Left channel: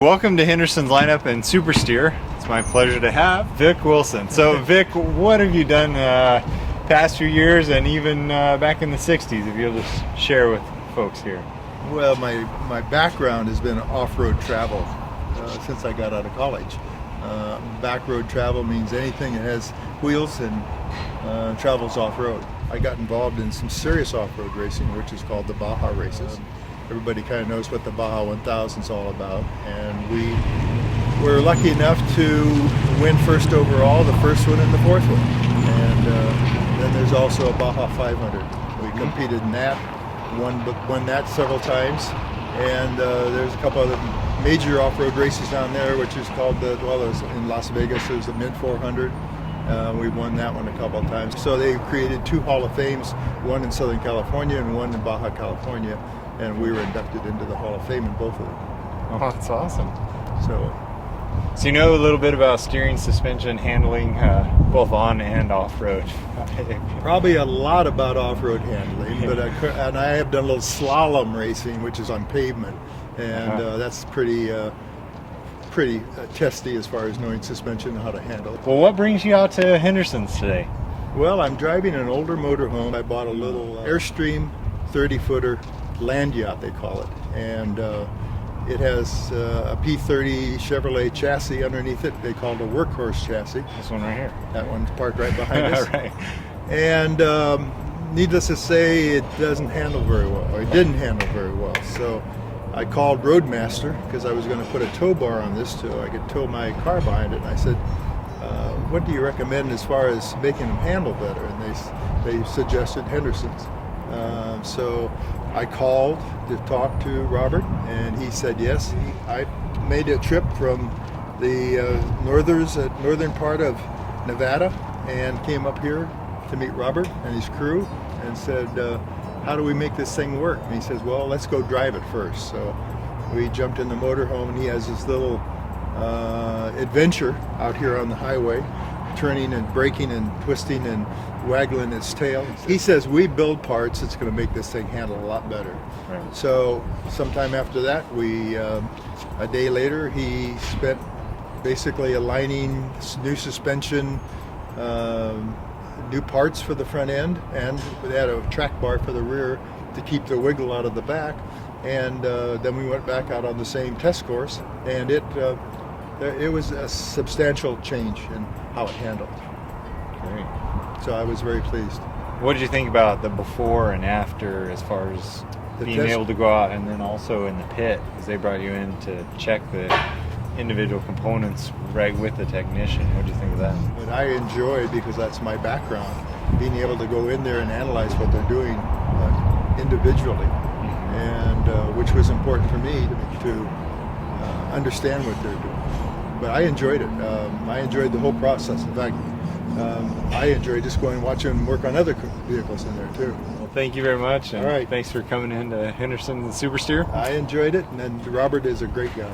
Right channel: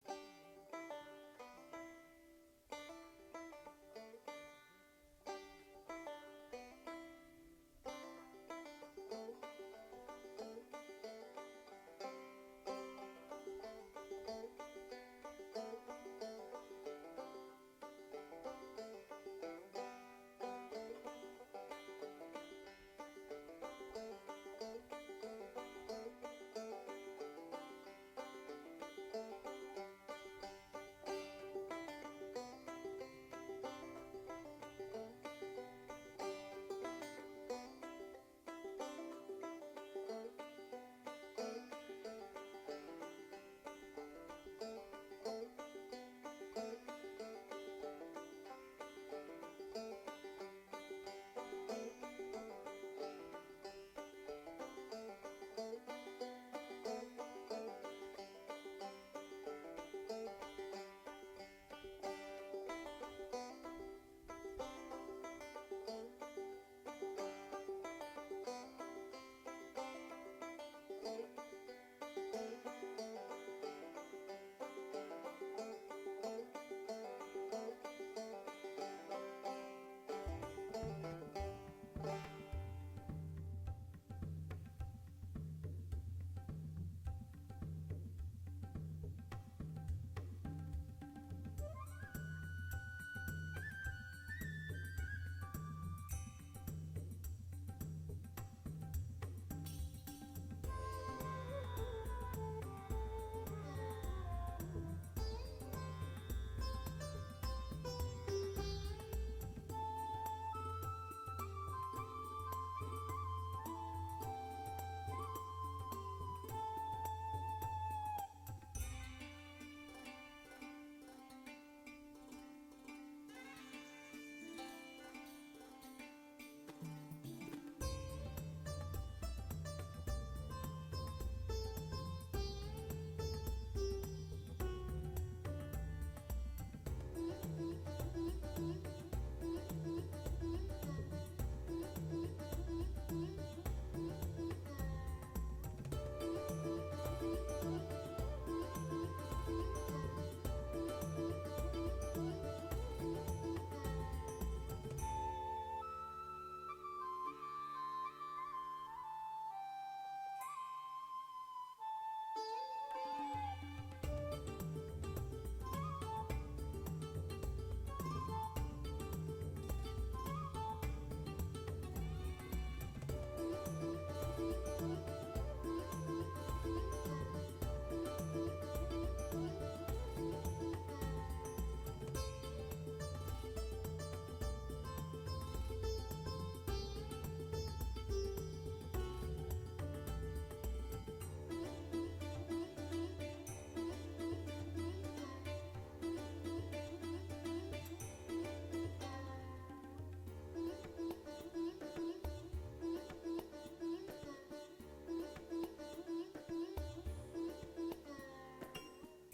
Welcome to Henderson's lineup and Super Steer. It's my pleasure to have Vic Wilson. So Vic, what have you done past few years and even back in the 60s, if you'll just share with folks here? Well, my background has been off-road travel since I got out of college. Back-road travel means anything that has wheels and travels off-road. I got involved in some serious off-road racing, which is called the Baja races. Everybody kind of knows what the Baja 1000 is all about, and we were lucky enough to win first overall, the first one and the fourth one. And then there's also a Baja 500. We competed in that, won that several times, and there's a couple other major off-road races down there, which is called in Las Vegas, there's the Mint 400. We won that one a couple of times. So they created two Hall of Fames, one in Southern California and one in Baja, California. And we were inducted into the Hall of Fame in both of them. Oh, that's awesome. So you know a little bit about steering, suspension, handling, both on and off-road. Probably a lot about off-road handling, but I have done a little slalom racing, which is on pavement, and that's pretty testy as far as knowing suspension and how to handle it. Well, what brings you out to Henderson's today? Well, I'm driving an older motorhome. I bought a little Airstream 30-footer land yacht, they call it, and it has a P30 Chevrolet chassis underneath it. They call it a workhorse chassis. This one right here. That one's parked right behind us. Right. And needless to say, it doesn't handle very well, or it didn't handle very well. So I called Roadmaster because I was going to put a tow bar on this so I could tow my car behind it. And I said, what do you recommend as far as making them handle better? And they suggested Henderson's. So I called to talk to Robert, and he said yes. I made a trip from the northern part of Nevada and came up here to meet Robert and his crew and said, how do we make this thing work? And he says, well, let's go drive it first. So we jumped in the motorhome, and he has this little adventure out here on the highway, turning and braking and twisting and waggling its tail. He says, we build parts that's going to make this thing handle a lot better. Right. So sometime after that, a day later, he spent basically aligning new suspension, new parts for the front end, and we had a track bar for the rear to keep the wiggle out of the back. And then we went back out on the same test course, and it was a substantial change in how it handled. Great. So I was very pleased. What did you think about the before and after as far as being able to go out, and then also in the pit, because they brought you in to check the individual components right with the technician? What did you think of that? And I enjoyed, because that's my background, being able to go in there and analyze what they're doing individually, and which was important for me to understand what they're doing. But I enjoyed it. I enjoyed the whole process. In fact, I enjoy just going and watching them work on other vehicles in there too. Well, thank you very much. And all right. Thanks for coming in to Henderson Super Steer. I enjoyed it, and then Robert is a great guy.